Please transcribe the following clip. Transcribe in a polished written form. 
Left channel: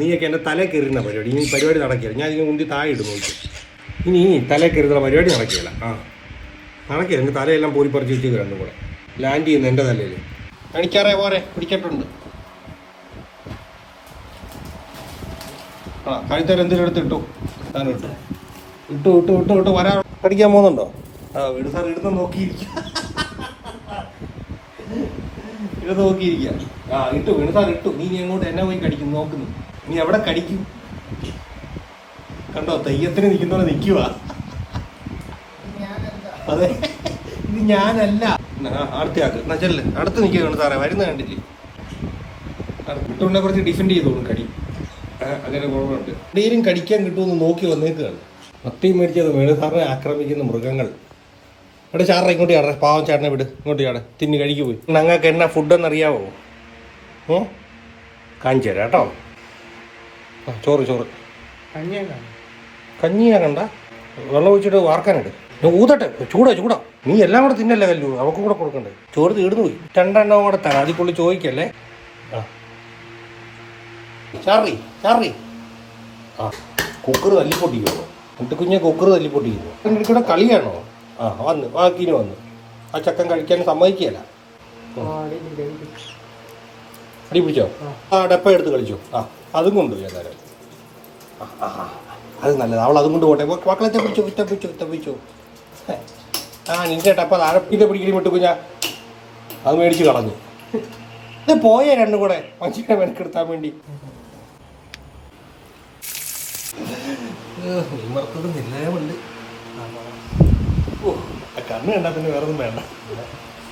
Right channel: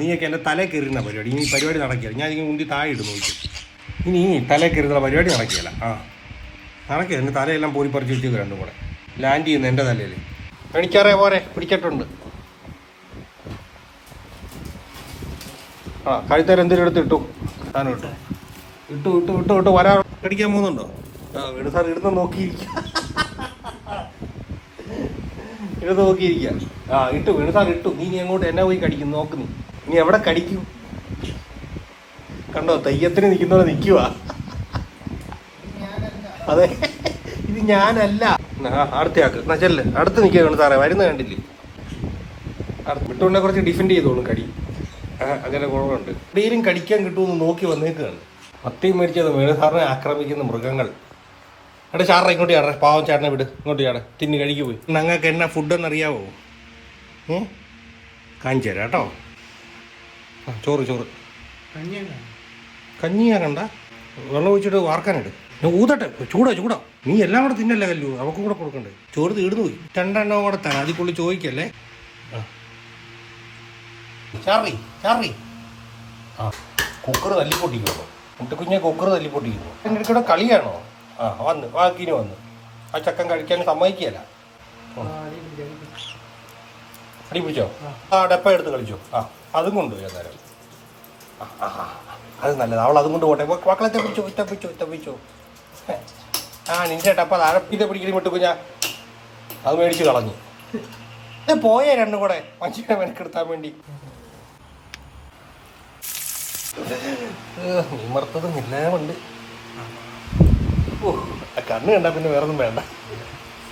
നീയൊക്കെ എൻ്റെ തല കയറുന്ന പരിപാടി. ഇനി പരിപാടി നടക്കില്ല. ഞാൻ ഇങ്ങനെ ഉന്തി താഴെ ഇടും നോക്കി. ഇനി തല കയറുന്ന പരിപാടി നടക്കില്ല. നടക്കില്ല. എൻ്റെ തലയെല്ലാം പോയി പറിച്ച് വെച്ചത് രണ്ടും കൂടെ ലാൻഡ് ചെയ്യുന്ന എൻ്റെ തലയിൽ. പിടിക്കാറേ പോരെ, പിടിച്ചിട്ടുണ്ട്. കഴുത്തേരം എന്തെങ്കിലും എടുത്തിട്ടു. സാധനം ഇട്ടു ഇട്ടു ഇട്ടു ഇട്ടു വരാൻ കടിക്കാൻ പോകുന്നുണ്ടോ? വീട് സാർ എടുത്ത് നോക്കിയിരിക്കുക. എടുത്ത് നോക്കിയിരിക്കുക. ഇട്ടു വീട് സാർ ഇട്ടു. നീ എങ്ങോട്ട് എന്നെ പോയി കടിക്കും നോക്കുന്നു. നീ എവിടെ കടിക്കും? കണ്ടോ, തെയ്യത്തിന് നിൽക്കുന്നവരെ നിൽക്കുക. അതെ, ഇത് ഞാനല്ല. അടുത്തയാൾക്ക് നച്ചല്ലേ അടുത്ത് നിൽക്കുകയാണ് സാറേ. വരുന്നത് കണ്ടില്ലേ? വിട്ടുകൊണ്ടെ കുറച്ച് ഡിഫെൻഡ് ചെയ്തോളും കടി. അങ്ങനെ കുഴപ്പമുണ്ട്. എവിടെയും കടിക്കാൻ കിട്ടുമെന്ന് നോക്കി വന്നേക്കുകയാണ്. മത്തിയും മേടിച്ചത് വീട് സാറിനെ ആക്രമിക്കുന്ന മൃഗങ്ങൾ. എടാ ചാറ ഇങ്ങോട്ട് ചാട. പാവം ചേട്ടനെ വിട്. ഇങ്ങോട്ട് ചാട. തിന്ന് കഴിക്കു പോയി. ഞങ്ങൾക്ക് എന്നാ ഫുഡെന്ന് അറിയാവോ? കാണിച്ചു തരാം കേട്ടോ. ചോറ് ചോറ് കഞ്ഞിയാ കണ്ട. വെള്ളം ഒഴിച്ചിട്ട് വാർക്കാനിട്. ഊതട്ടെ. ചൂടാ ചൂടാ. നീ എല്ലാം കൂടെ തിന്നല്ലേ കല്ലു. അവക്കും കൂടെ കൊടുക്കണ്ടേ? ചോറ് തീർന്നു പോയി. രണ്ടെണ്ണം കൂടെ തരാം. അതിൽ പുള്ളി ചോദിക്കല്ലേ. ചാറി ചാറി. കുക്കറ് തല്ലിപ്പൊട്ടിക്കോ. കുട്ടിക്കുഞ്ഞെ കുക്കറ് തല്ലിപ്പൊട്ടിക്കോ. എൻ്റെ കൂടെ കളിയാണോ? വന്നു വാക്കിന് വന്നു. ആ ചക്കൻ കഴിക്കാൻ സമ്മതിക്കുകയല്ല. അടി പിടിച്ചോ? ഡെപ്പ എടുത്ത് കളിച്ചോ. അതും കൊണ്ട് ഏതായാലും അത് നല്ലത്. അവൾ അതും കൊണ്ട് പോട്ടെ. മക്കളെ പിടിച്ചോ പിടിച്ചോ പിടിച്ചോ. നിന്റെ ഡപ്പ അഴപ്പിന്റെ പിടിക്കൽ വിട്ടു. ഞാൻ അത് മേടിച്ച് കളഞ്ഞു. ഇത് പോയ രണ്ടും കൂടെ മനുഷ്യനെ മെനക്കെടുത്താൻ വേണ്ടി. നിമർത്തതും ഇല്ലാമുണ്ട്. കണ്ണ് കണ്ടാ പിന്നെ വേറൊന്നും വേണ്ട.